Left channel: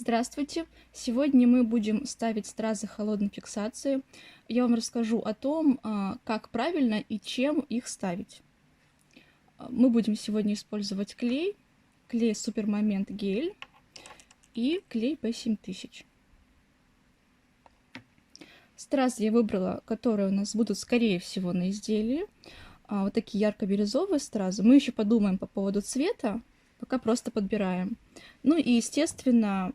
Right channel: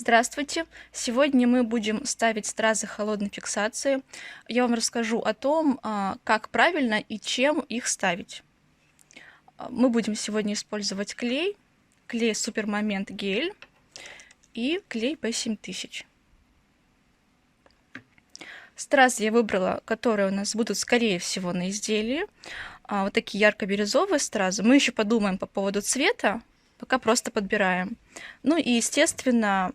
Здравствуйте! Сегодня мы будем ставить стразы холодной фиксации. Я вам расскажу о том, как правильно и чем их ставить. Мы будем сегодня использовать клей Супермомент гель и клей P7000. Стразы я выбрала, которые у нас будут, скорее всего, на изделии. Вот такие ярко-бирюзовые стразы. Мы еще подумаем по поводу цвета, пока просто подбираем. Ну и, естественно,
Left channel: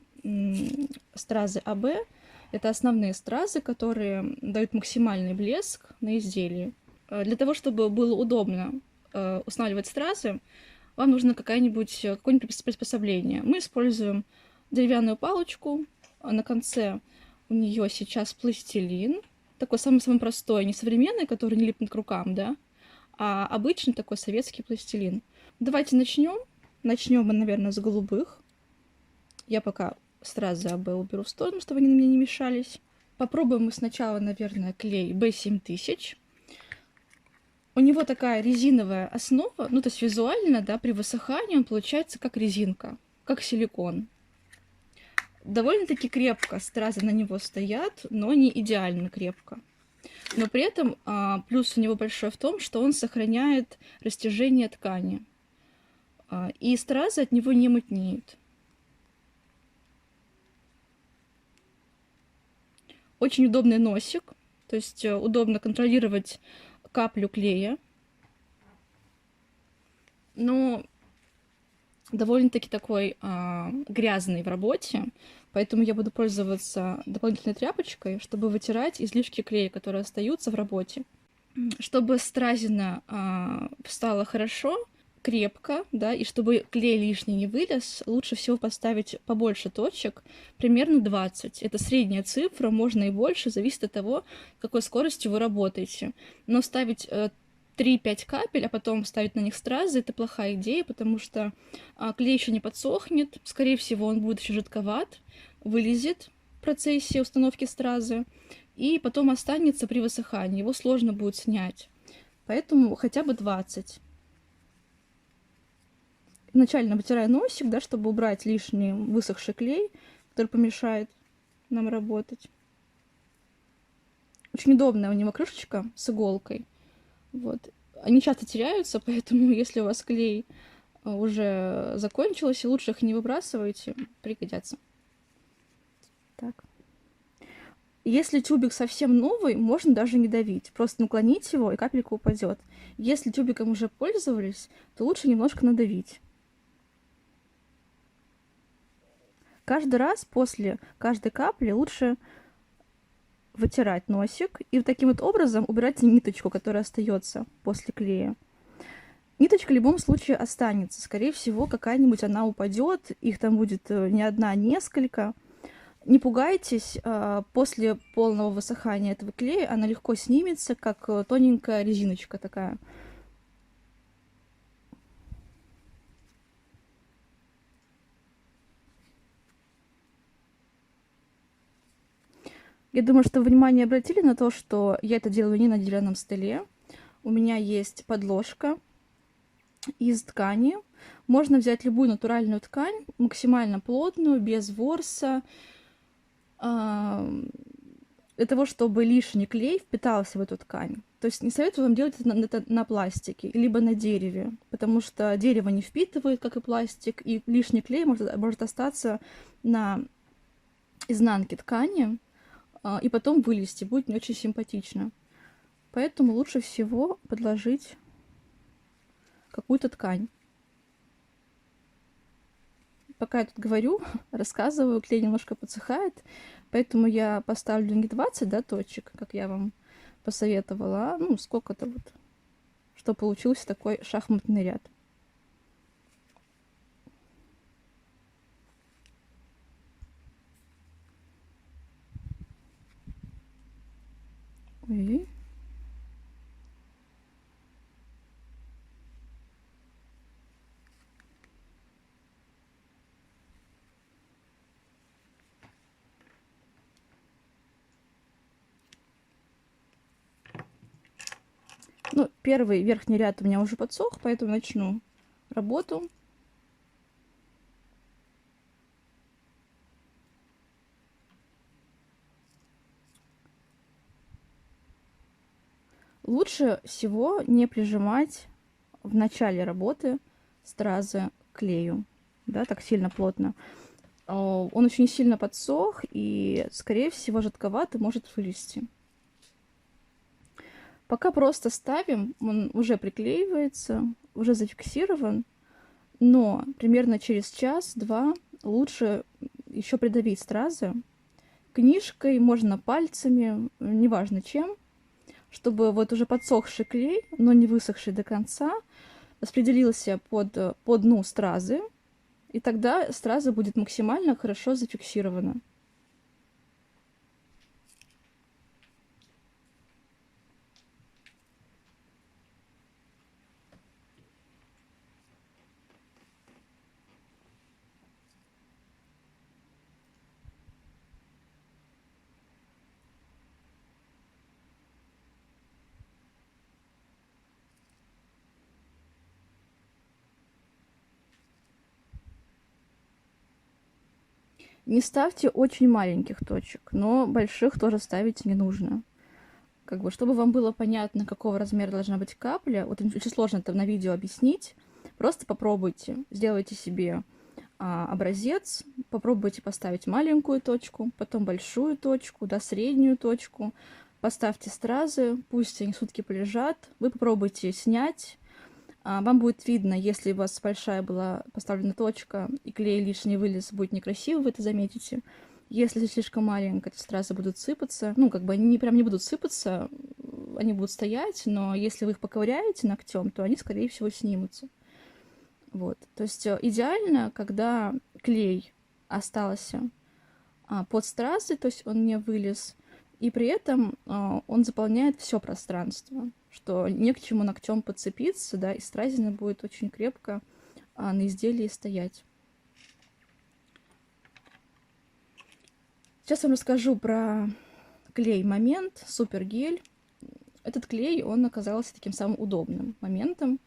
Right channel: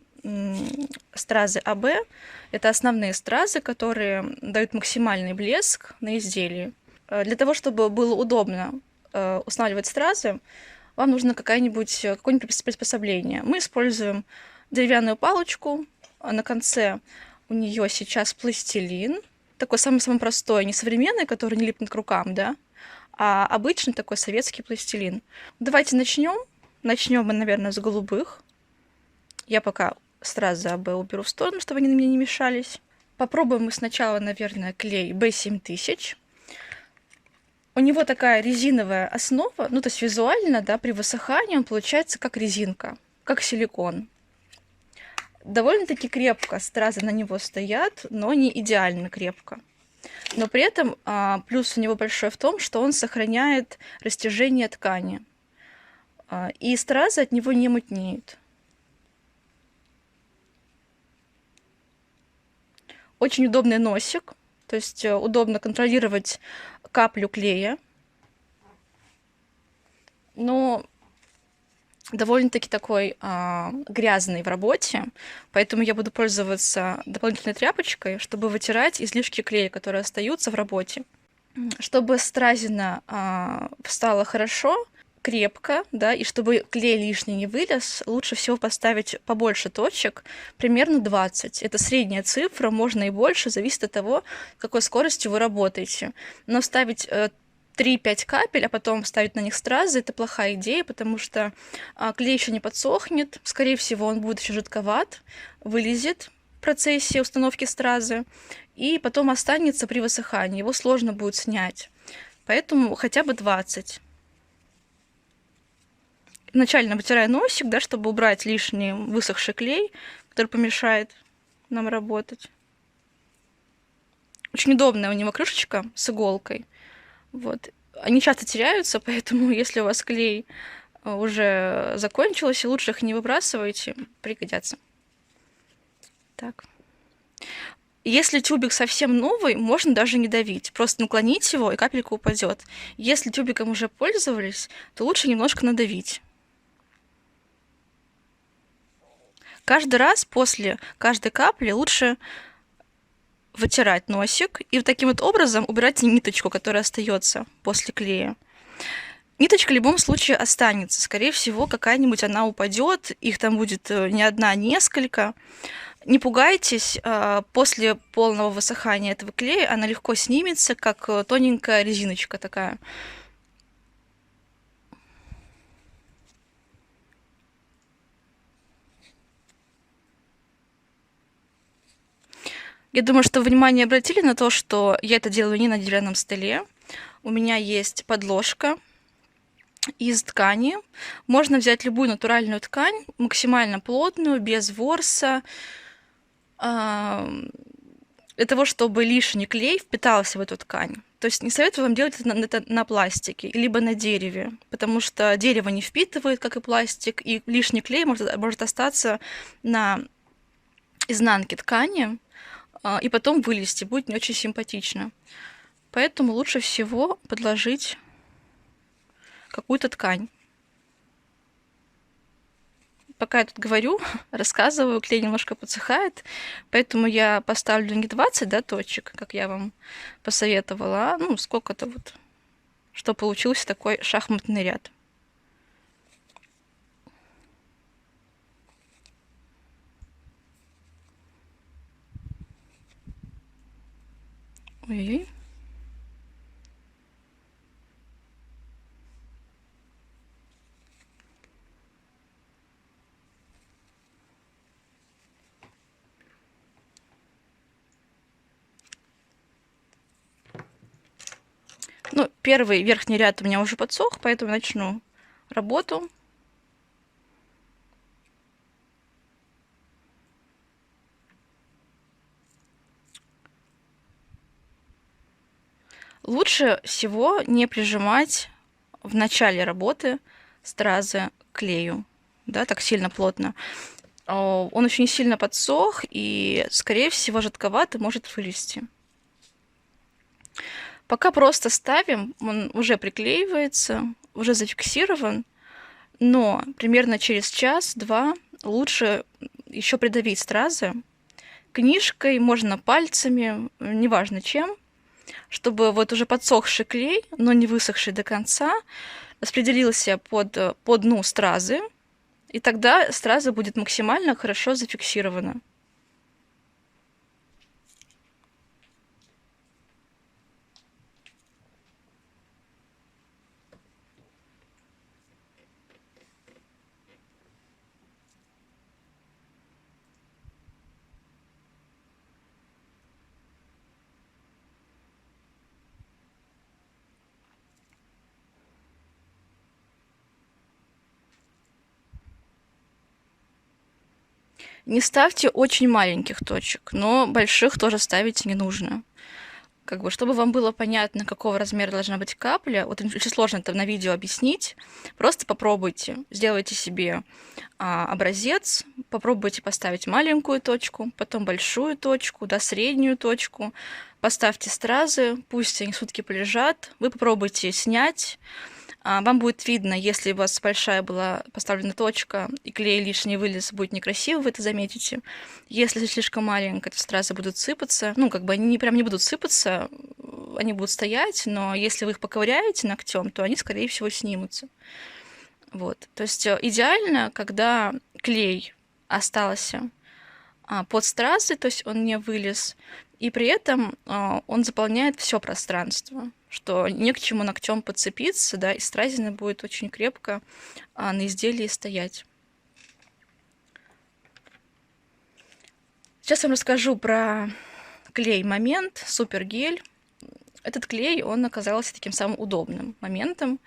стразы АБ – это основные стразы, которые дают максимальный блеск на изделии. Для того, чтобы было удобно устанавливать стразы, вам нужно какое-нибудь приспособление. Мы используем деревянную палочку. На конце у нее сейчас пластилин. Такой самый простой, не современный, который не липнет к рукам, да, а обычный такой советский пластилин. Давайте начнем. Начнем мы, наверное, с голубых. Я пока стразы АБ уберу в сторону, чтобы они мне не мешались. Попробуем мы сначала, наверное, клей B7000. У него такая резиновая основа, ну то есть визуально, да, при высыхании он получается как резинка, как силикон. Довольно-таки крепко стразы на него стоят, но не идеально крепко. Но при этом плюс у него большой в том, что он сохраняет растяжение ткани. И стразы от него не мутнеют. Очень удобный носик, то есть удобно контролировать каплю клея, но довольно-таки такой грязный в работе, поэтому я буду пользоваться дополнительной тряпочкой, чтобы вытирать излишки клея, которые остаются в работе. Чтобы стразина встала хорошо, крепко, да, и чтобы клей лишний не вылез, лучше всего поставить побольше точек, примерно 20. Это средняя цифра, можно и больше, зависит от того, какой скоростью вы работаете. Но ставить 3-5 капель, а потом ставить на них стразы, это плохая идея, потому что клей еще не подсохнет, скорее всего, он будет еще жидковат, вылезет в процессе установки стразы, и потом останется при высыхании, его сложно будет снять. Поэтому хотя бы 20. Начально вытираю носик, да, чтобы убрать лишний высохший клей, который помешает нам работать. Очень удобная у него крышечка с иголкой. Вот. Они часто теряются, поэтому если у вас клей уже закончился, лучше их не выбрасывайте, пригодятся. Так. Если тюбик совсем новый, можно даже не давить, просто наклонить его, и капелька упадет. Если тюбиком уже пользовались, то лучше немножко надавить. Каждый раз после каждой капли лучше вытирать носик и вот таким вот образом убирать ниточку, которая остается после клея. Ниточка в любом случае останется. Скорее всего, какая-нибудь она упадет, их там будет не одна, а несколько. Не пугайтесь, после полного высыхания этого клея она легко снимется, как тоненькая резиночка такая. Я думаю, что внимание обратили на то, что я это делаю не на деревянном столе. У меня есть подложка из ткани. Можно взять любую натуральную ткань, максимально плотную, без ворса, для того, чтобы лишний клей впитался в эту ткань. То есть не советую вам делать это на пластике, либо на дереве, потому что дерево не впитывает, как и пластик, и лишний клей может остаться на изнанке ткани, и потом вылезти, будет не очень симпатично. Поэтому лучше всего подложить какую-то ткань. Пока я тут говорю, рассказываю, клей немножко подсыхает, поэтому я поставлю не 20, да, точек, как я вам посоветовала, а ну сколько-то вот, что получился такой шахматный ряд. Ой-ой-ой. Ну, первый верхний ряд у меня уже подсох, поэтому начну работу. Лучше всего не прижимать в начале работы стразы к клею, да, так сильно плотно. Он очень сильно подсох, и, скорее всего, жидковатый может вылезти. Пока просто ставим, он уже приклеивается, уже зафиксирован, но примерно через час-два лучше еще придавить стразы книжкой, можно пальцами, неважно чем, чтобы вот уже подсохший клей, но не высохший до конца, распределился по дну стразы, и тогда страза будет максимально хорошо зафиксирована. Не ставьте очень маленьких точек, но больших тоже ставить не нужно. Как бы, чтобы вам было понятно, какого размера должна быть капля, вот очень сложно это на видео объяснить, просто попробуйте, сделайте себе образец, попробуйте поставить маленькую точку, потом большую точку, да, среднюю точку, поставьте стразы, пусть они сутки полежат, вы попробуйте снять, вам будет видно, если у вас большая была поставлена точка и клей лишний вылез, будет некрасиво, вы это заметите. Если слишком маленькая, то стразы будут сыпаться. Ну, как бы они прям не будут сыпаться, они будут стоять, но если вы их поковыряете ногтем, то они, скорее всего, снимутся. Вот. То есть идеально, когда клей остался под стразы, то есть он не вылез, и при этом он заполняет все пространство, что не к чему ногтем подцепиться, да, и стразина будет очень крепко на изделии стоять. Сейчас я вам расскажу про клей Момент, Супергель. Этот клей, он оказался таким самым удобным моментом.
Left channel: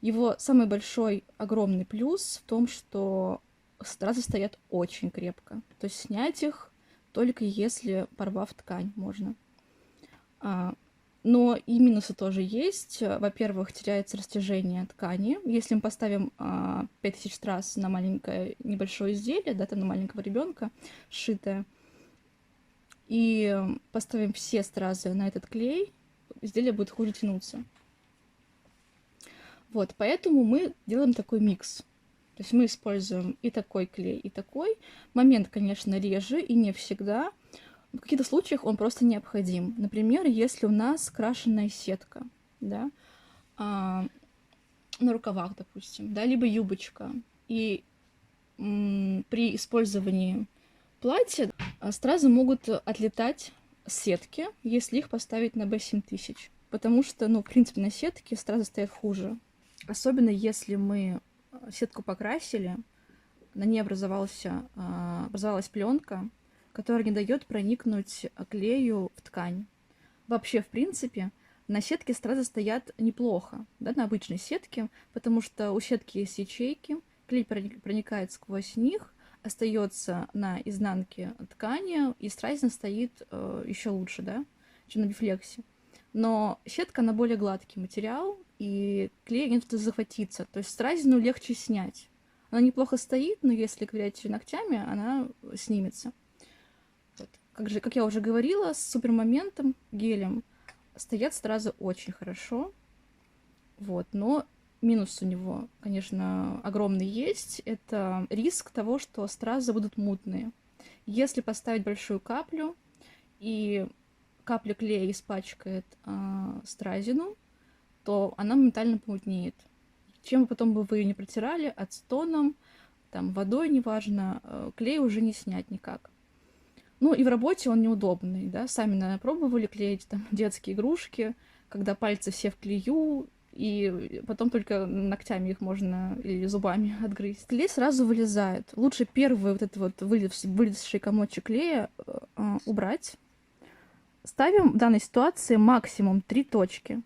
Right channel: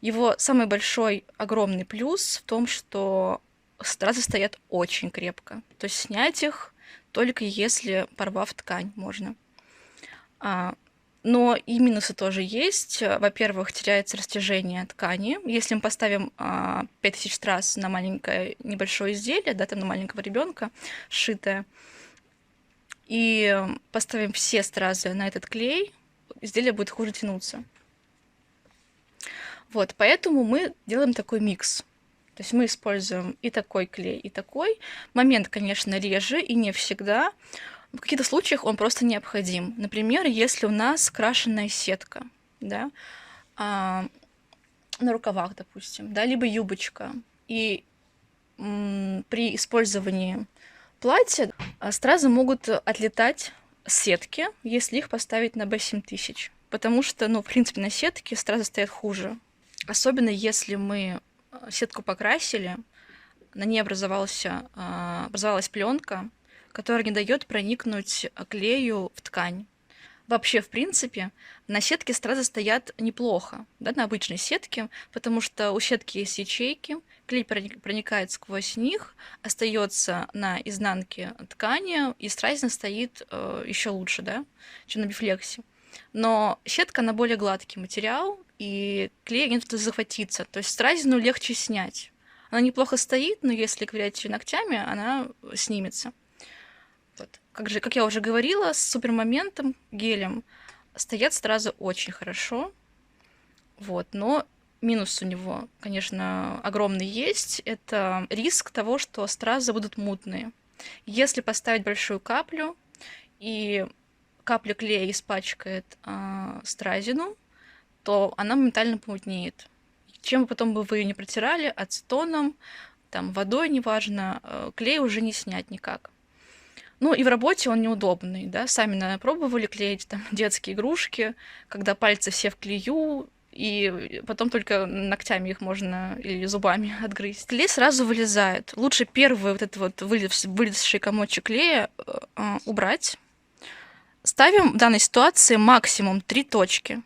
Его самый большой, огромный плюс в том, что стразы стоят очень крепко. То есть снять их только если, порвав ткань, можно. Но и минусы тоже есть. Во-первых, теряется растяжение ткани. Если мы поставим 5000 страз на маленькое небольшое изделие, да, там на маленького ребенка сшитое, и поставим все стразы на этот клей, изделие будет хуже тянуться. Вот, поэтому мы делаем такой микс. То есть мы используем и такой клей, и такой. Момент, конечно, реже и не всегда. В каких-то случаях он просто необходим. Например, если у нас крашеная сетка, да, на рукавах, допустим, да, либо юбочка. И при использовании платья стразы могут отлетать с сетки, если их поставить на B7000. Потому что, ну, в принципе, на сетке стразы стоят хуже. Особенно если мы сетку покрасили, на ней образовалась пленка, которая не дает проникнуть клею в ткань. Вообще, в принципе, на сетке стразы стоят неплохо, да, на обычной сетке, потому что у сетки есть ячейки, клей проникает сквозь них, остается на изнанке ткани, и стразина стоит еще лучше, да, чем на бифлексе. Но сетка, она более гладкий материал, и клей не тут захватиться, то есть стразину легче снять. Она неплохо стоит, но если ковырять ее ногтями, она снимется. Вот. Как я уже говорила, с супермоментом, гелем, стоят стразы очень хорошо. Вот. Но минус у него, конечно, огромный есть. Это риск того, что стразы будут мутные. Если поставить большую каплю, и капля клея испачкает стразину, то она моментально помутнеет. Чем потом бы вы ее не протирали, ацетоном, там, водой, неважно, клей уже не снять никак. Ну и в работе он неудобный, да, сами, наверное, пробовали клеить там детские игрушки, когда пальцы все в клею, и потом только ногтями их можно или зубами отгрызть. Клей сразу вылезает. Лучше первый вот этот вот вылезший комочек клея убрать. Ставим в данной ситуации максимум 3 точки.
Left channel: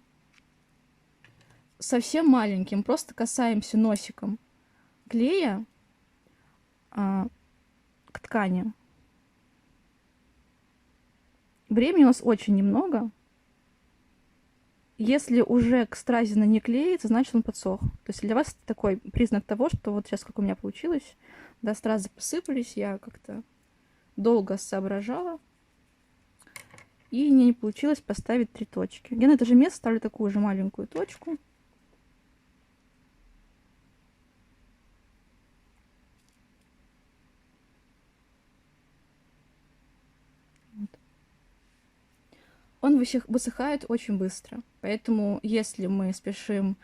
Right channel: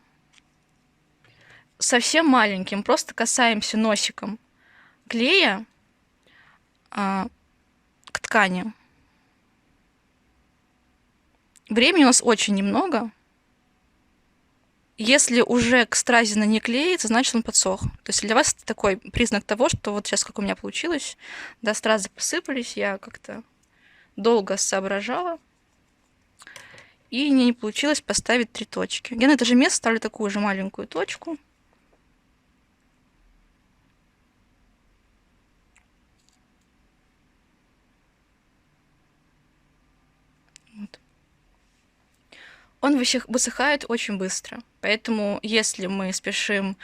Совсем маленьким, просто касаемся носиком клея к ткани. Времени у нас очень немного. Если уже к стразина не клеится, значит он подсох. То есть для вас это такой признак того, что вот сейчас как у меня получилось, да, стразы посыпались, я как-то долго соображала, и мне не получилось поставить 3 точки. Я на это же место ставлю такую же маленькую точку. Вот. Он высыхает очень быстро, поэтому если мы спешим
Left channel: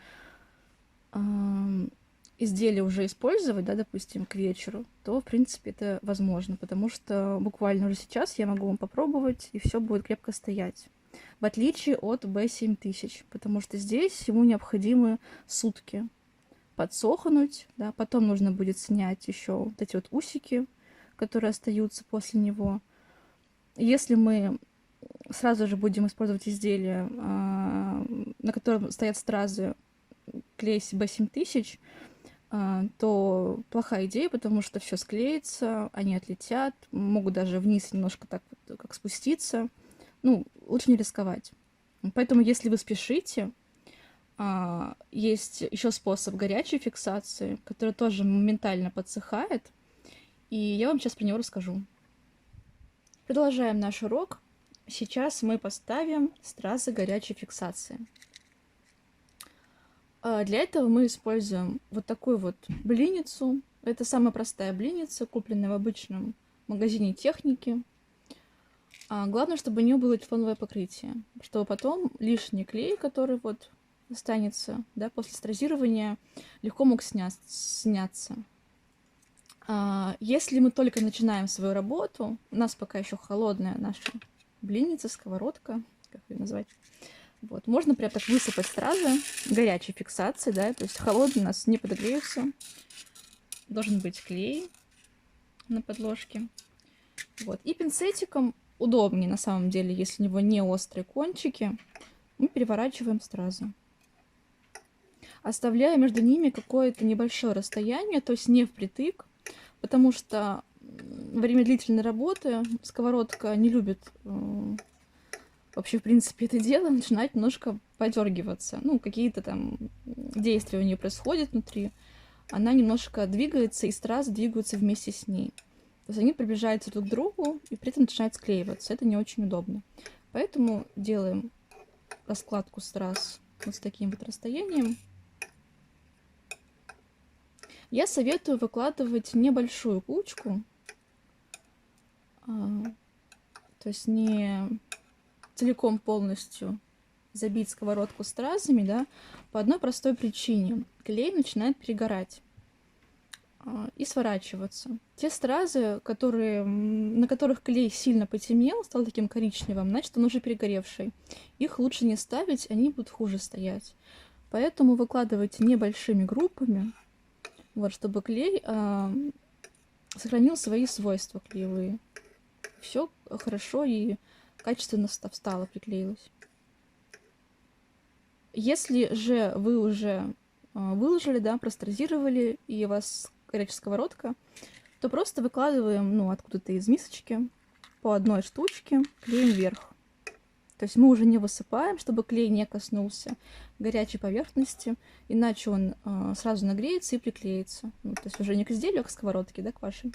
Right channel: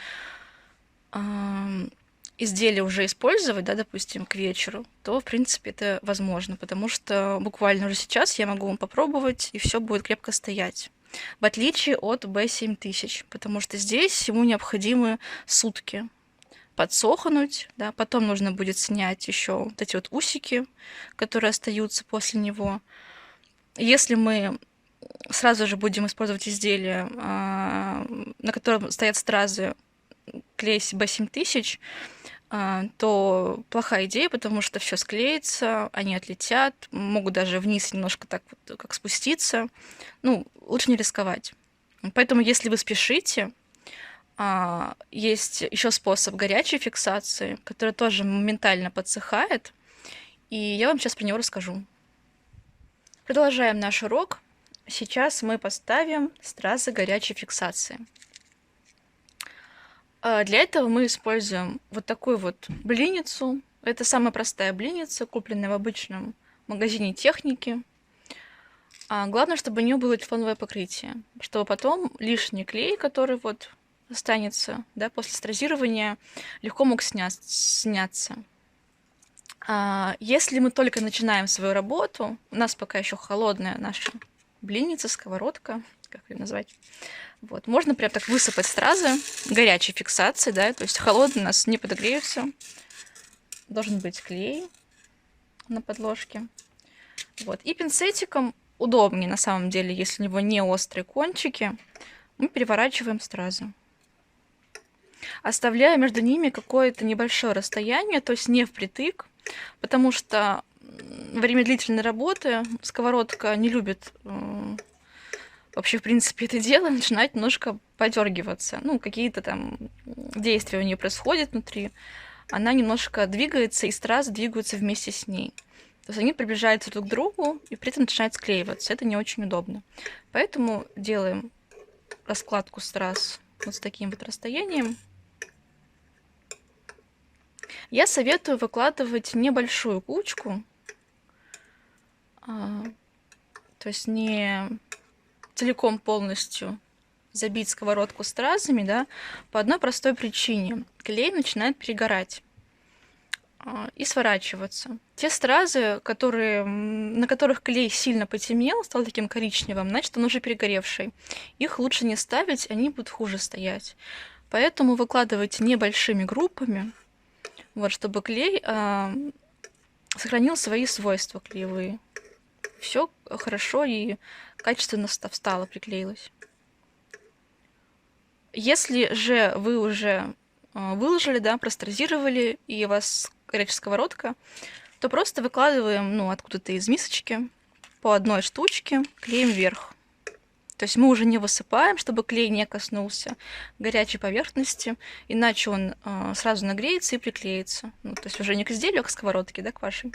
изделие уже использовать, да, допустим, к вечеру, то, в принципе, это возможно, потому что буквально уже сейчас я могу попробовать, и все будет крепко стоять. В отличие от B7000, потому что здесь ему необходимы сутки подсохнуть, да, потом нужно будет снять еще вот эти вот усики, которые остаются после него. Если мы сразу же будем использовать изделие, на котором стоят стразы, клей B7000, то плохая идея, потому что все склеится, они отлетят, могут даже вниз немножко так вот как спуститься. Ну, лучше не рисковать. Поэтому, если вы спешите, есть еще способ горячей фиксации, который тоже моментально подсыхает, и я вам сейчас про него расскажу. Продолжаем наш урок. Сейчас мы поставим стразы горячей фиксации. Для этого мы используем вот такую вот блиницу. Это самая простая блиница, купленная в обычном магазине техники. Главное, чтобы у нее было тефлоновое покрытие, чтобы потом лишний клей, который вот останется, да, после стразирования, легко мог сняться. Если мы только начинаем свою работу, у нас пока еще холодная наша блинница, сковородка, как ее назвать, вот, можно прям так высыпать стразы горячей фиксации, да, то есть холодный у нас не подогреется. Должен быть клей на подложке. Вот, и пинцетиком удобнее на самом деле, если у него не острые кончики, мы переворачиваем стразы, оставляя между ними какое-то небольшое расстояние, то есть не впритык, потому что во время длительной работы сковородка не любит вообще, в принципе, это дело начинает немножко подергиваться. Ну, какие-то там действия у нее происходят внутри. Она немножко двигается, и стразы двигаются вместе с ней. То есть они приближаются друг к другу, и при этом начинают склеиваться. Это не очень удобно. Поэтому делаем раскладку страз вот с таким вот расстоянием. Я советую выкладывать небольшую кучку, то есть не целиком полностью забить сковородку стразами, да, по одной простой причине. Клей начинает перегорать и сворачиваться. Те стразы, на которых клей сильно потемнел, стал таким коричневым, значит, он уже перегоревший. Их лучше не ставить, они будут хуже стоять. Поэтому выкладывайте небольшими группами, вот, чтобы клей сохранил свои свойства клеевые. Все хорошо и качественно встало, приклеилось. Если же вы уже выложили, да, простразировали, и у вас горячая сковородка, то просто выкладываем, ну, откуда-то из мисочки по одной штучке, клеим вверх. То есть мы уже не высыпаем, чтобы клей не коснулся горячей поверхности, иначе он сразу нагреется и приклеится. Ну, то есть уже не к изделию, а к сковородке, да, к вашей.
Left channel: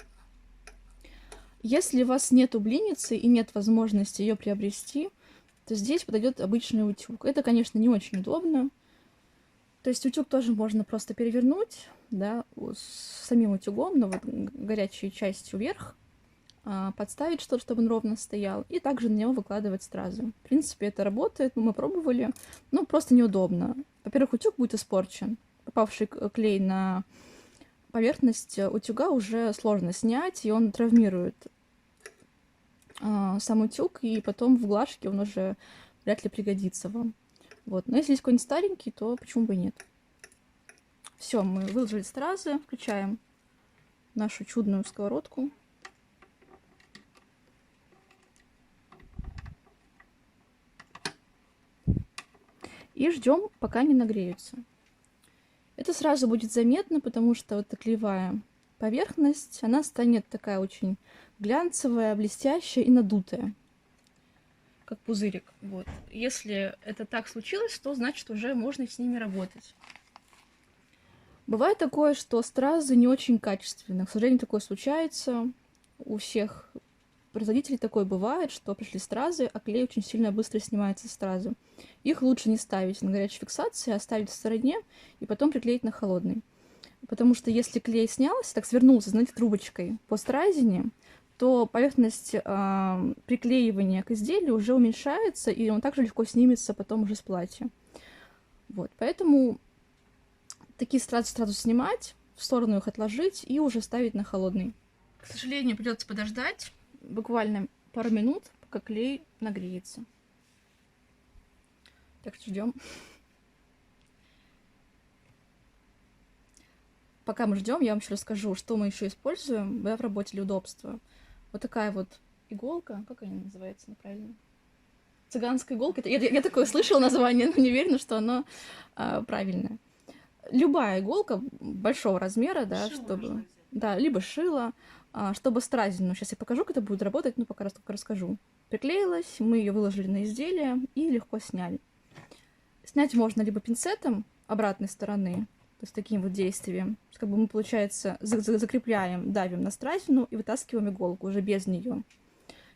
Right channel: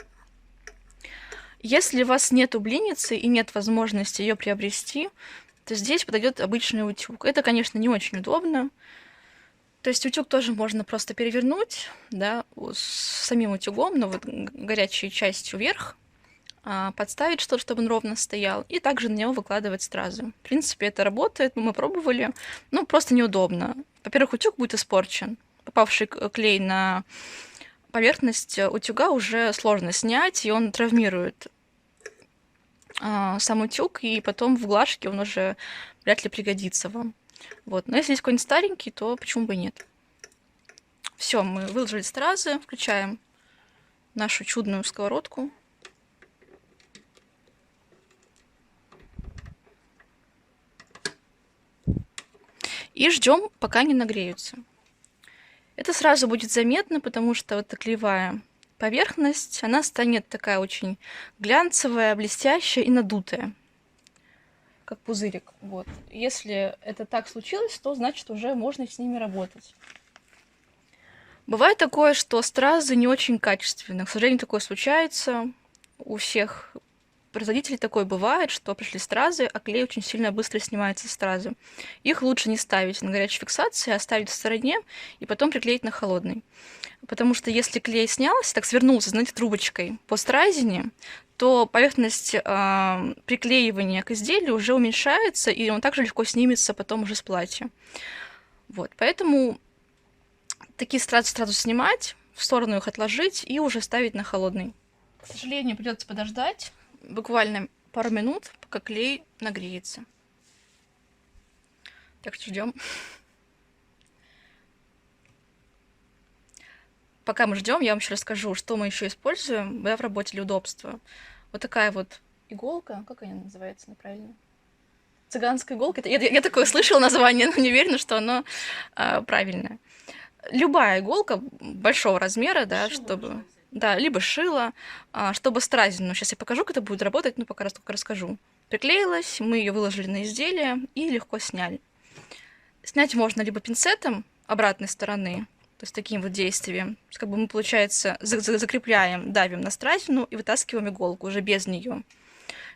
Если у вас нету блинницы и нет возможности ее приобрести, то здесь подойдет обычный утюг. Это, конечно, не очень удобно. То есть утюг тоже можно просто перевернуть, да, с самим утюгом, но вот горячей частью вверх, подставить что-то, чтобы он ровно стоял, и также на него выкладывать стразы. В принципе, это работает, мы пробовали, но просто неудобно. Во-первых, утюг будет испорчен. Попавший клей на поверхность утюга уже сложно снять, и он травмирует сам утюг, и потом в глажке он уже вряд ли пригодится вам. Вот. Но если есть какой-нибудь старенький, то почему бы и нет. Все, мы выложили стразы, включаем нашу чудную сковородку. И ждем, пока не нагреются. Это сразу будет заметно, потому что вот эта клеевая поверхность, она станет такая очень глянцевая, блестящая и надутая. как пузырик. Вот. Если это так случилось, то значит уже можно с ними работать. Бывает такое, что стразы не очень качественные. К сожалению, такое случается. У всех производителей такое бывает, что пришли стразы, а клей очень сильно быстро снимается с стразы. Их лучше не ставить на горячей фиксации, а оставить в стороне и потом приклеить на холодный. Потому что если клей снялся, так свернулся, знаете, трубочкой по стразине, то поверхность приклеивания к изделию уже уменьшается, и он также легко снимется потом уже с платья. Вот, поэтому такие стразы сразу снимать, в сторону их отложить и уже ставить на холодный. К сожалению, придется подождать буквально пару минут, пока клей нагреется. Так что ждем. Пока мы ждем, я вам еще расскажу, что мы еще используем в работе для удобства. Вот такая вот иголка, как она называется неправильно? Цыганская иголка. Я такое слышала название, но не уверена, что оно правильное. Любая иголка большого размера, да, шило чтобы... Да, либо шило, чтобы стразину. Сейчас я покажу, как это будет работать, но пока только расскажу. Приклеилась, мы ее выложили на изделие и легко сняли. Снять можно либо пинцетом обратной стороны, то есть таким вот действием. Как бы мы, получается, закрепляем, давим на стразину и вытаскиваем иголку уже без нее.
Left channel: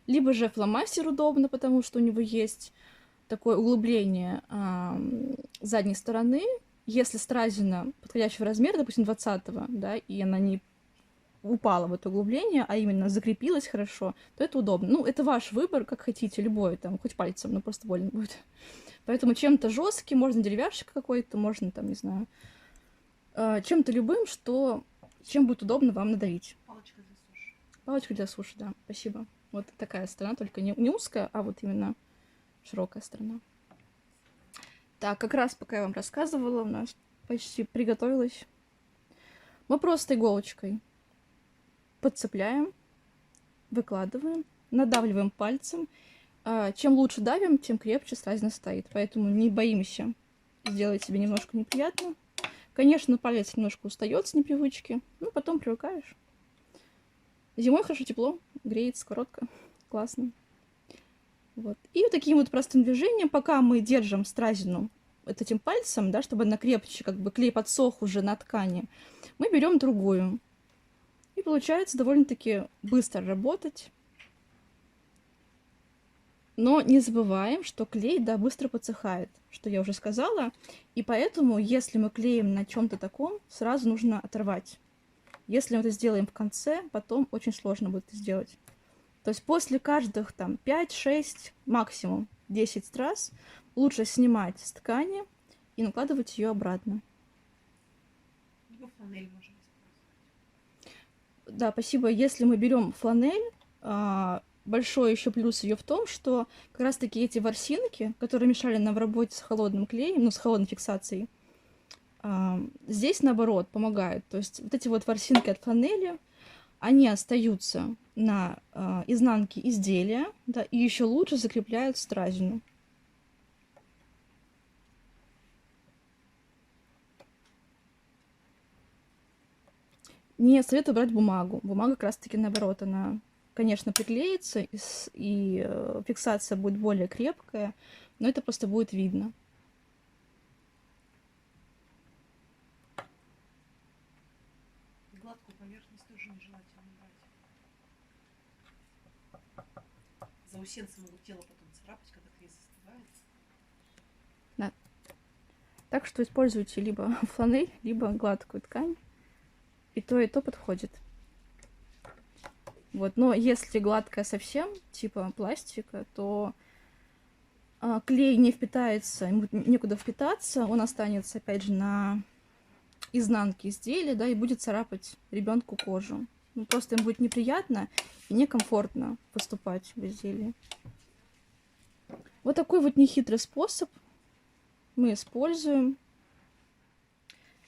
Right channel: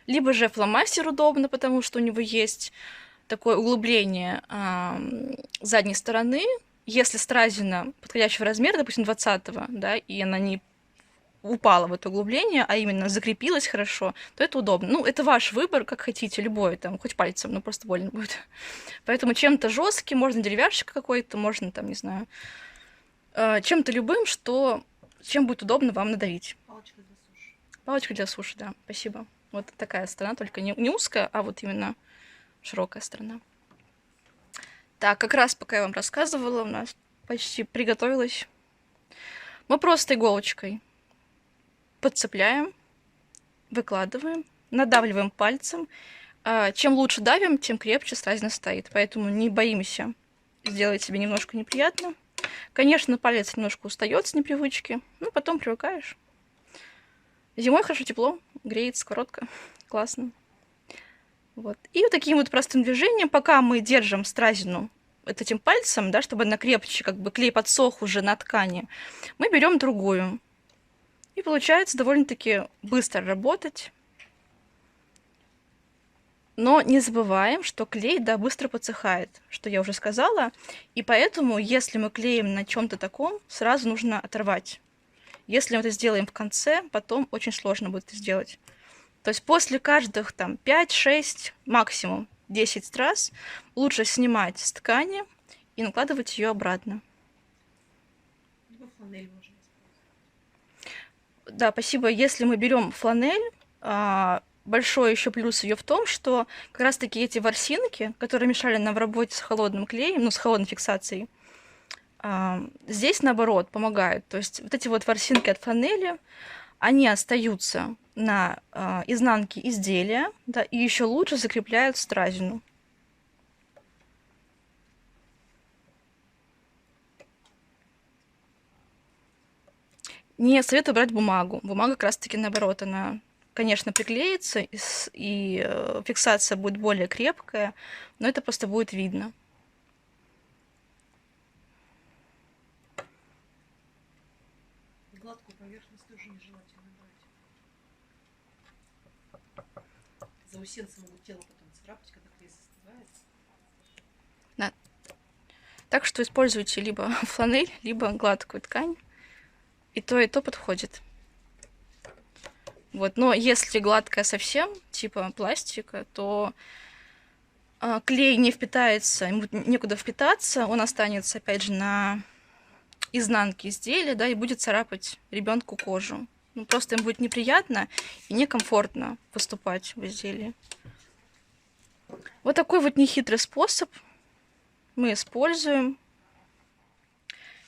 Либо же фломастер удобно, потому что у него есть такое углубление задней стороны. Если стразина подходящего размера, допустим, 20-го, да, и она не упала в это углубление, а именно закрепилась хорошо, то это удобно. Ну, это ваш выбор, как хотите, любой, там, хоть пальцем, но просто больно будет. Поэтому чем-то жестким, можно деревяшек какой-то, можно, там, не знаю, чем-то любым, чем будет удобно вам надавить. Палочка для суши. Палочка для суши, да, спасибо. Вот такая сторона, только не узкая, а вот именно широкая сторона. Так, как раз пока я вам рассказывала, у нас почти приготовилось. Мы просто иголочкой подцепляем, выкладываем, надавливаем пальцем. Чем лучше давим, тем крепче стразина стоит. Поэтому не боимся сделать себе немножко неприятно. Конечно, палец немножко устает с непривычки, но потом привыкаешь. Зимой хорошо тепло, греет сковородка. Классно. Вот. И вот таким вот простым движением, пока мы держим стразину этим пальцем, да, чтобы она крепче, как бы клей подсох уже на ткани, мы берем другую. И получается довольно-таки быстро работать. Но не забываем, что клей, да, быстро подсыхает, что я уже сказала. И поэтому, если мы клеим на чем-то таком, сразу нужно оторвать. Если мы это сделаем в конце, потом очень сложно будет это сделать. То есть после каждых там 5-6, максимум 10 раз лучше снимать с ткани и накладывать ее обратно. Либо фланель можно использовать. Да, спасибо. Если мы берем фланель, большой еще плюс ее в том, что как раз-таки эти ворсинки, которые мешали нам в работе с холодным клеем, ну, с холодной фиксацией, здесь, наоборот, помогают. То есть вот эти вот ворсинки от фланели, они остаются на изнанке изделия, да, и еще лучше закрепляют стразину. Не советую брать бумагу. Бумага как раз-таки наоборот, она, конечно, приклеится, и фиксация будет более крепкая, но это просто будет видно. Гладкую поверхность тоже нежелательно брать. Заусенцы могут тело потом царапать, когда клей застывает. Да. Так что используйте либо фланель, либо гладкую ткань. И то подходит. Вот. Но если гладкая совсем, типа пластика, то клей не впитается, ему некуда впитаться, он останется, опять же, на изнанке изделия, да, и будет царапать ребенку кожу. Ну, просто им будет неприятно и некомфортно поступать в изделии. Вот такой вот нехитрый способ мы используем.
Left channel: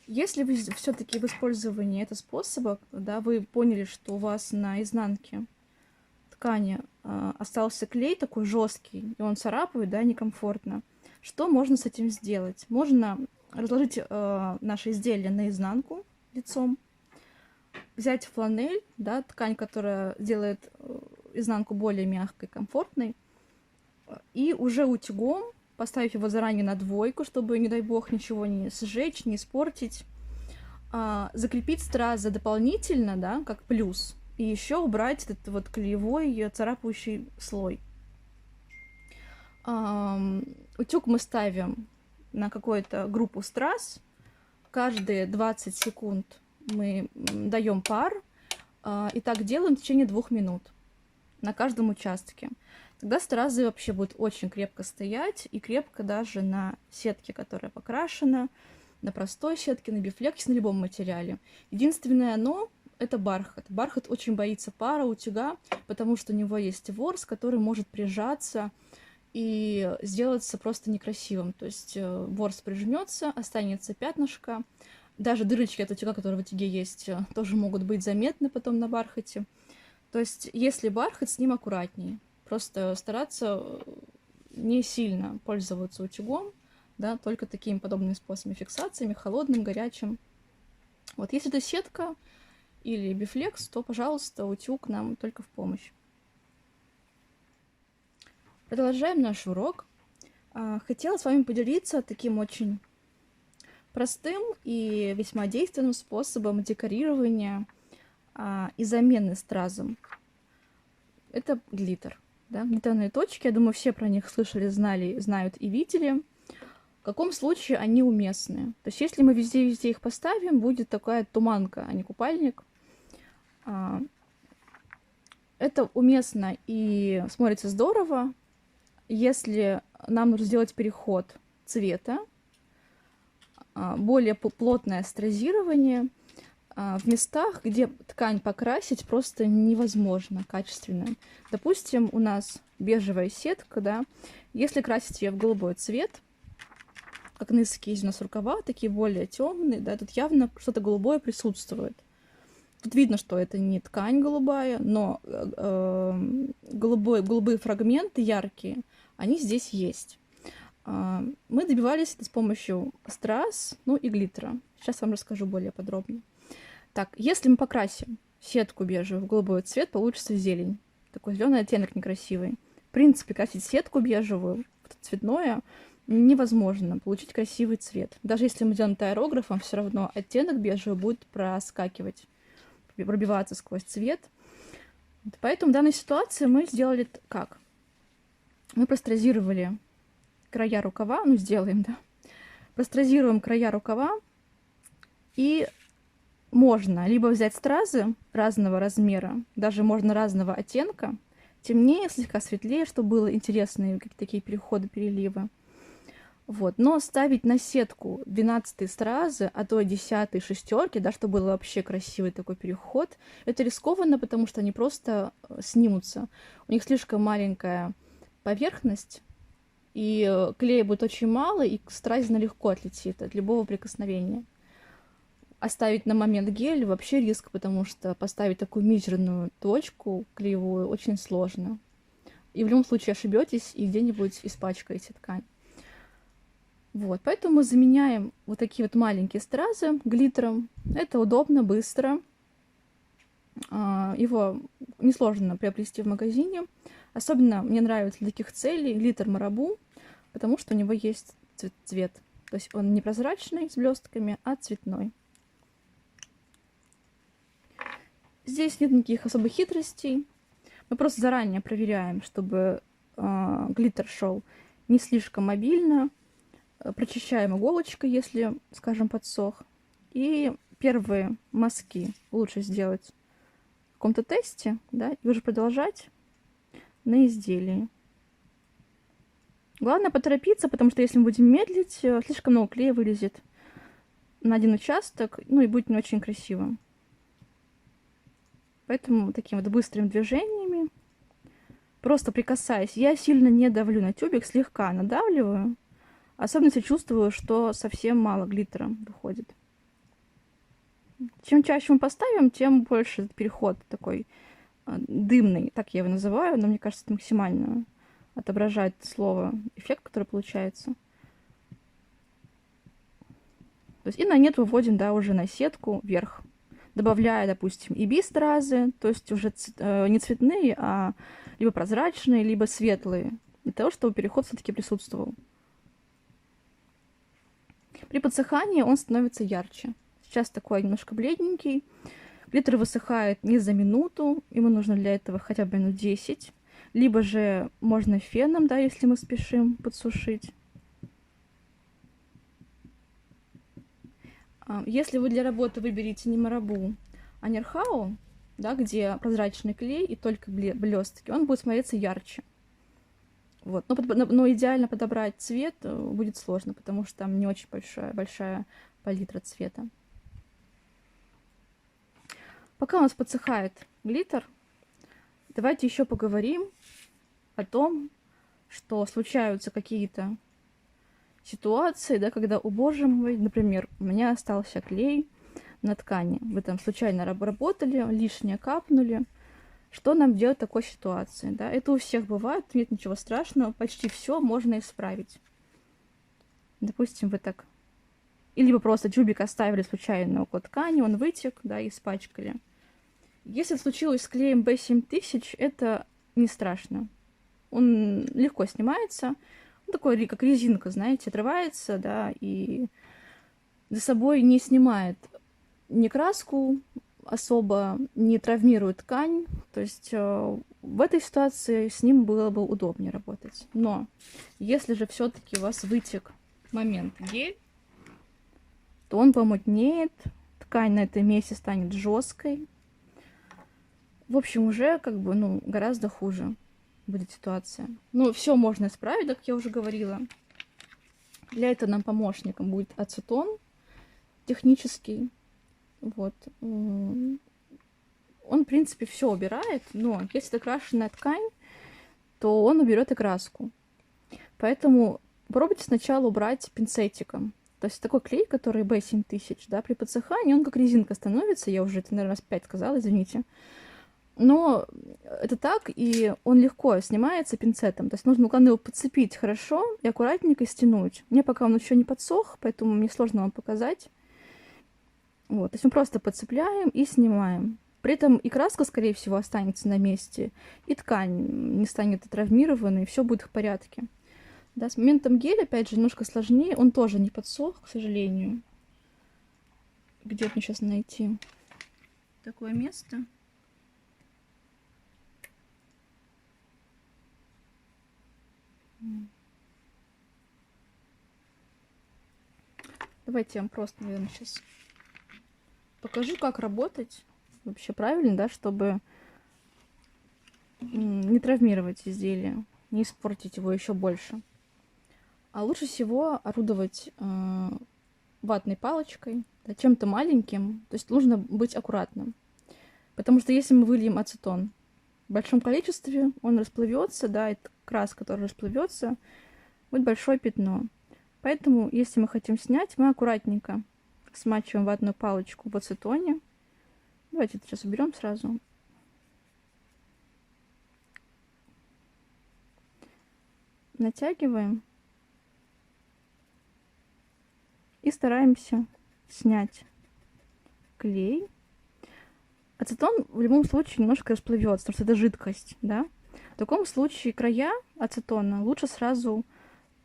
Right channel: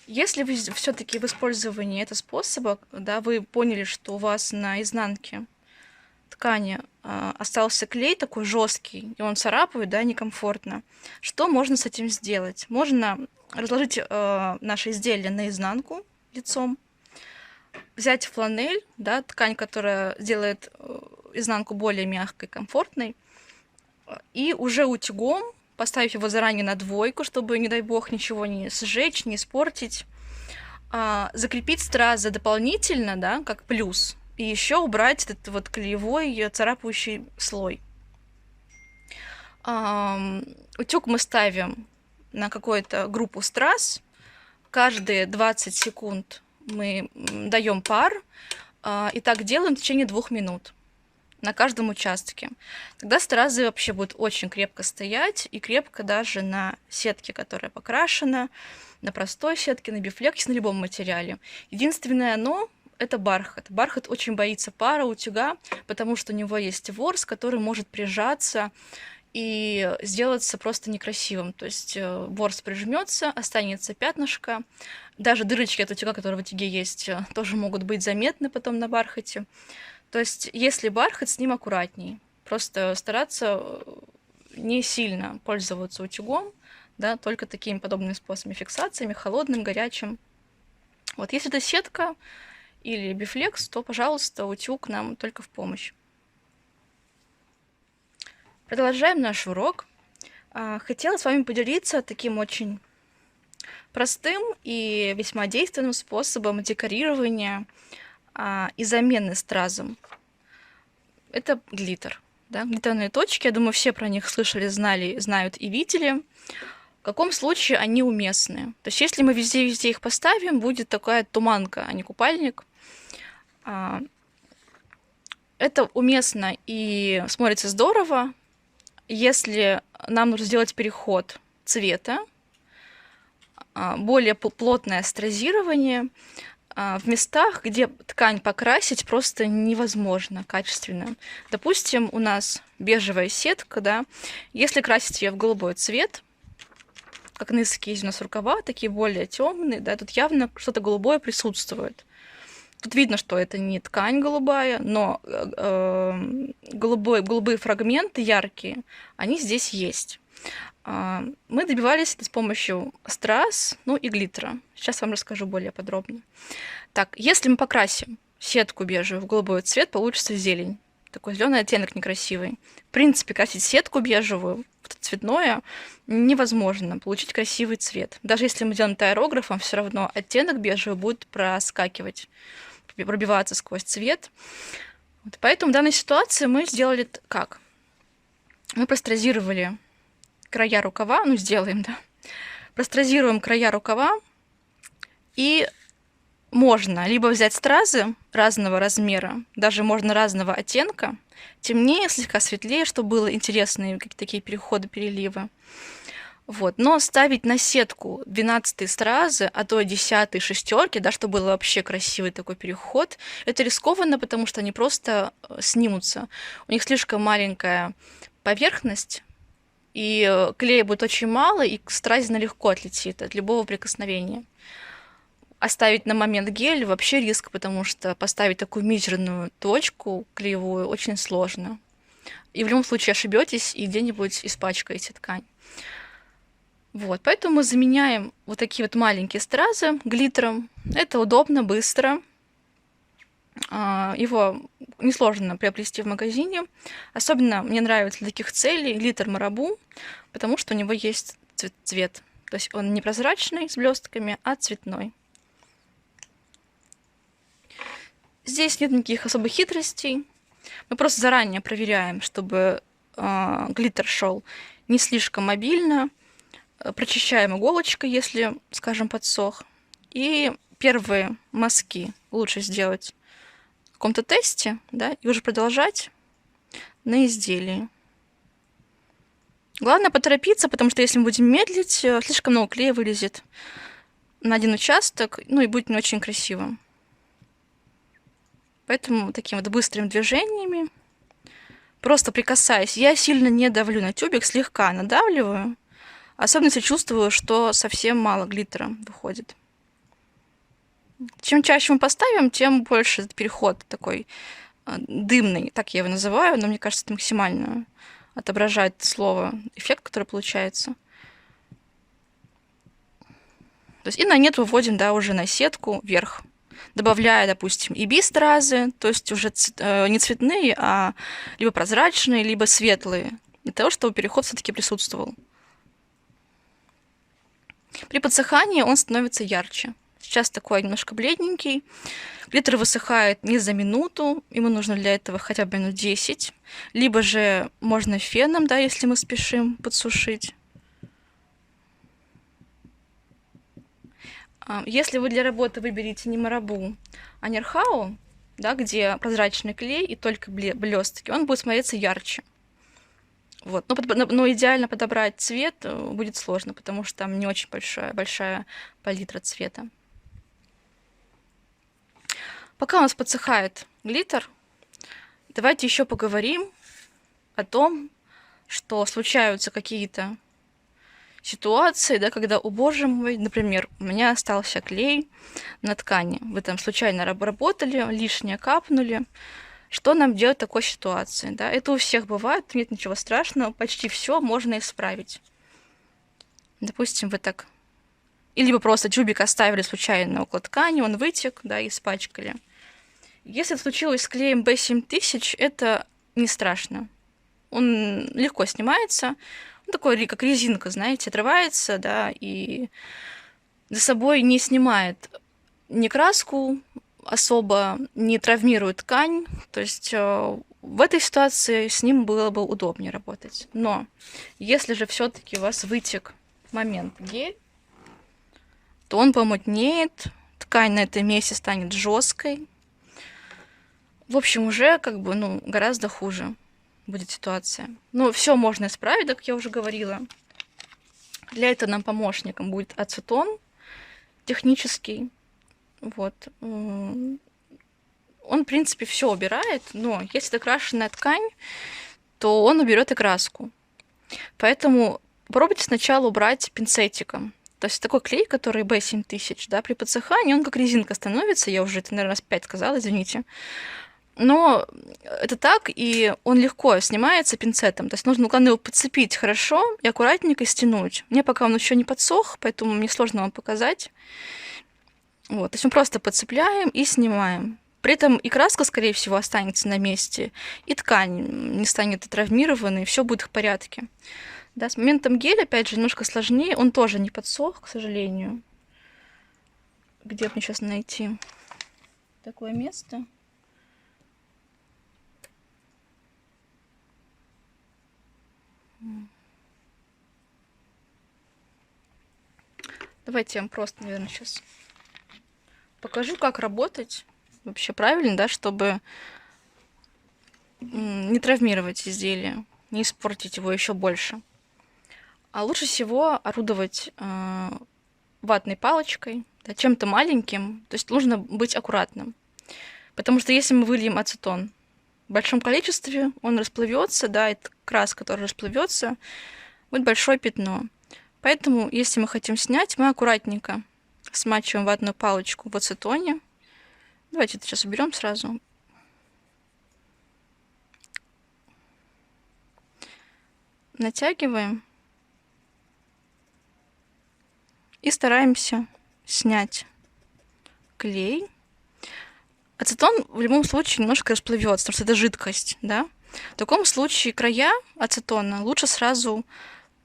Если вы все-таки в использовании этого способа, да, вы поняли, что у вас на изнанке ткани остался клей такой жесткий, и он царапает, да, некомфортно, что можно с этим сделать? Можно разложить наше изделие на изнанку лицом, взять фланель, да, ткань, которая сделает изнанку более мягкой, комфортной, И уже утюгом, поставив его заранее на двойку, чтобы, не дай бог, ничего не сжечь, не испортить, закрепить стразы дополнительно, да, как плюс, и еще убрать этот вот клеевой царапающий слой. Утюг мы ставим на какую-то группу страз. Каждые 20 секунд мы даем пар, и так делаем в течение 2 минут на каждом участке. Тогда стразы вообще будут очень крепко стоять, и крепко даже на сетке, которая покрашена, на простой сетке, на бифлексе, на любом материале. Единственное «но» — это бархат. Бархат очень боится пара, утюга, потому что у него есть ворс, который может прижаться и сделаться просто некрасивым. То есть ворс прижмется, останется пятнышко. Даже дырочки от утюга, которые в утюге есть, тоже могут быть заметны потом на бархате. То есть если бархат, с ним аккуратней. Просто стараться не сильно пользоваться утюгом, да, только такими подобными способами фиксациями, холодным, горячим. Вот если это сетка или бифлекс, то, пожалуйста, утюг нам только в помощь. Продолжаем наш урок. Хотела с вами поделиться таким очень простым и весьма действенным способом декорирования и замены стразом. Это глиттер. Да? Глиттерные точки, я думаю, все про них слышали, знали, знают и видели. В каком случае они уместны? То есть если мы везде-везде их поставим, будет такая туманка, а не купальник. Это уместно и смотрится здорово, если нам нужно сделать переход цвета, более плотное стразирование в местах, где ткань покрасить просто невозможно качественно. Допустим, у нас бежевая сетка, да, если красить ее в голубой цвет, как низкие у нас рукава, такие более темные, да, тут явно что-то голубое присутствует. Тут видно, что это не ткань голубая, но голубые фрагменты яркие, они здесь есть. Мы добивались это с помощью страз, ну и глиттера. Сейчас вам расскажу более подробно. Так, если мы покрасим сетку бежевую в голубой цвет, получится зелень. Такой зеленый оттенок некрасивый. В принципе, красить сетку бежевую в цветное невозможно получить красивый цвет. Даже если мы делаем это аэрографом, все равно оттенок бежевый будет проскакивать, пробиваться сквозь цвет. Вот поэтому в данной ситуации мы сделали как? Мы простразировали края рукава, ну сделаем, да, простразируем края рукава, и можно либо взять стразы разного размера, даже можно разного оттенка, темнее, слегка светлее, чтобы было интересные какие-то такие переходы, переливы. Вот. Но ставить на сетку 12 стразы, а то 10 шестерки, да, чтобы был вообще красивый такой переход, это рискованно, потому что они просто снимутся. У них слишком маленькая поверхность, и клея будет очень мало, и стразина легко отлетит от любого прикосновения. Оставить на момент гель вообще риск, потому что поставить такую мизерную точку клеевую очень сложно. И в любом случае ошибетесь и где-нибудь испачкаете ткань. Вот, поэтому мы заменяем вот такие вот маленькие стразы глиттером. Это удобно, быстро. Его несложно приобрести в магазине. Особенно мне нравится для таких целей глиттер Марабу, потому что у него есть цвет. То есть он не прозрачный с блестками, а цветной. Здесь нет никаких особых хитростей. Мы просто заранее проверяем, чтобы глиттер шел не слишком мобильно. Прочищаем иголочкой, если, скажем, подсох. И первые мазки лучше сделать в каком-то тесте, да, и уже продолжать на изделии. Главное поторопиться, потому что если мы будем медлить, слишком много клея вылезет на один участок, ну и будет не очень красиво. Поэтому такими вот быстрыми движениями, просто прикасаясь, я сильно не давлю на тюбик, слегка надавливаю, особенно если чувствую, что совсем мало глиттера выходит. Чем чаще мы поставим, тем больше этот переход такой дымный, так я его называю, но мне кажется, это максимально отображает слово эффект, который получается. То есть и на нет выводим, да, уже на сетку вверх, добавляя, допустим, и би-стразы, то есть уже не цветные, а либо прозрачные, либо светлые. того, чтобы переход все-таки присутствовал. При подсыхании он становится ярче. Сейчас такой немножко бледненький. Глиттер высыхает не за минуту, ему нужно для этого хотя бы минут 10. Либо же можно феном, да, если мы спешим подсушить. Если вы для работы выберете не марабу, а нерхау, да, где прозрачный клей и только блестки, он будет смотреться ярче. Вот. Но идеально подобрать цвет будет сложно, потому что там не очень большая палитра цвета. Пока у нас подсыхает глиттер, давайте еще поговорим о том, что случаются какие-то ситуации, да, когда, о боже мой, например, у меня остался клей на ткани. Вы там случайно работали, лишнее капнули. Что нам делать в такой ситуации? Да? Это у всех бывает, нет ничего страшного, почти все можно исправить. Допустим, вы так... Или вы просто тюбик оставили случайно около ткани, он вытек, да, и испачкали. Если это случилось с клеем B7000, это не страшно. Он легко снимается. Он такой, как резинка, знаете, отрывается, да, и за собой не снимает ни краску, особо не травмирует ткань. То есть в этой ситуации с ним было бы удобнее работать. Но если же все-таки у вас вытек момент гель, то он помутнеет, ткань на этом месте станет жесткой. В общем, уже как бы, гораздо хуже будет ситуация. Но все можно исправить, как я уже говорила. Для этого нам помощником будет ацетон технический. Вот. Он, в принципе, все убирает, но если это крашеная ткань, то он уберет и краску. Поэтому попробуйте сначала убрать пинцетиком. То есть такой клей, который B7000, да, при подсыхании, он как резинка становится. Я уже это, наверное, раз 5 сказала, извините. Но это так, и он легко снимается пинцетом. То есть нужно, главное, его подцепить хорошо и аккуратненько стянуть. Мне пока он еще не подсох, поэтому мне сложно вам показать. Вот, то есть мы просто подцепляем и снимаем. При этом и краска, скорее всего, останется на месте, и ткань не станет травмированной, и все будет в порядке. Да, с моментом геля, опять же, немножко сложнее. Он тоже не подсох, к сожалению. Где мне сейчас найти такое место? Давайте я вам просто, наверное, сейчас покажу, как работать вообще правильно, да, чтобы не травмировать изделие, не испортить его еще больше. А лучше всего орудовать ватной палочкой, да, чем-то маленьким. То есть нужно быть аккуратным. Потому что если мы выльем ацетон в большом количестве, он расплывется, да, это краска, которая расплывется, будет большое пятно. Поэтому, если мы хотим снять, мы аккуратненько смачиваем ватную палочку в ацетоне. Давайте это сейчас уберем сразу. Натягиваем. И стараемся снять клей. Ацетон в любом случае немножко расплывется, потому что это жидкость, да? В таком случае края ацетона лучше сразу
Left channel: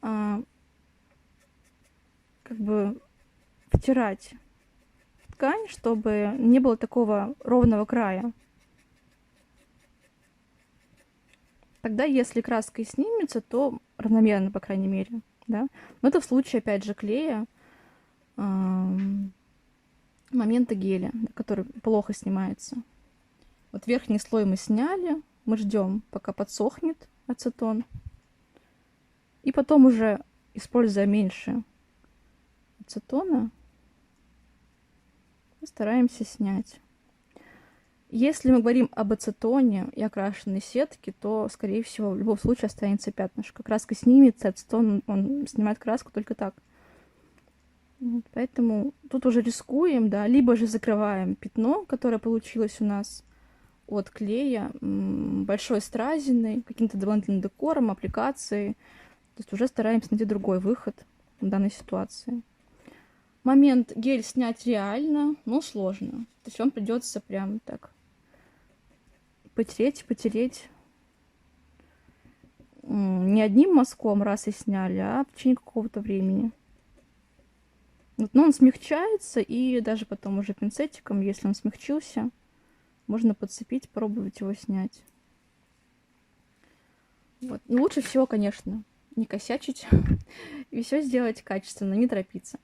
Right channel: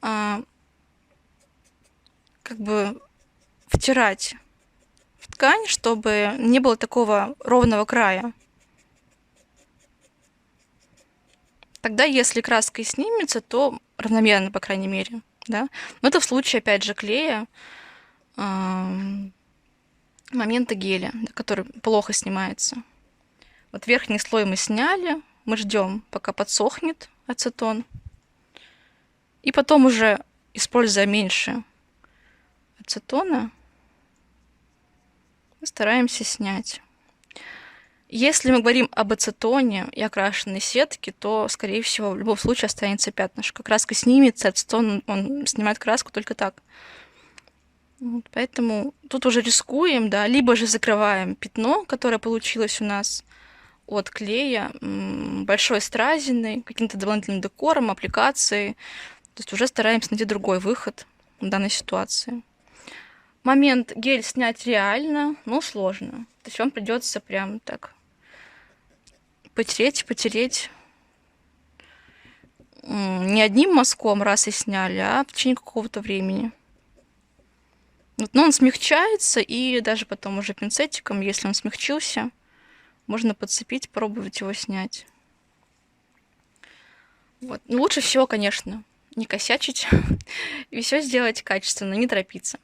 как бы втирать в ткань, чтобы не было такого ровного края. Тогда, если краска и снимется, то равномерно, по крайней мере, да? Но это в случае, опять же, клея, момента геля, который плохо снимается. Вот верхний слой мы сняли, мы ждем, пока подсохнет ацетон, и потом уже, используя меньше ацетона, стараемся снять. Если мы говорим об ацетоне и окрашенной сетке, то, скорее всего, в любом случае останется пятнышко. Краска снимется, ацетон, он снимает краску только так. Вот, поэтому тут уже рискуем, да, либо же закрываем пятно, которое получилось у нас от клея, большой стразиной, каким-то дополнительным декором, аппликацией. То есть уже стараемся найти другой выход в данной ситуации. Момент гель снять реально, но сложно. То есть вам придется прям так потереть. не одним мазком раз и сняли, а в течение какого-то времени. Вот, но он смягчается, и даже потом уже пинцетиком, если он смягчился, можно подцепить, пробовать его снять. Вот. Ну, лучше всего, конечно, не косячить и все сделать качественно, не торопиться.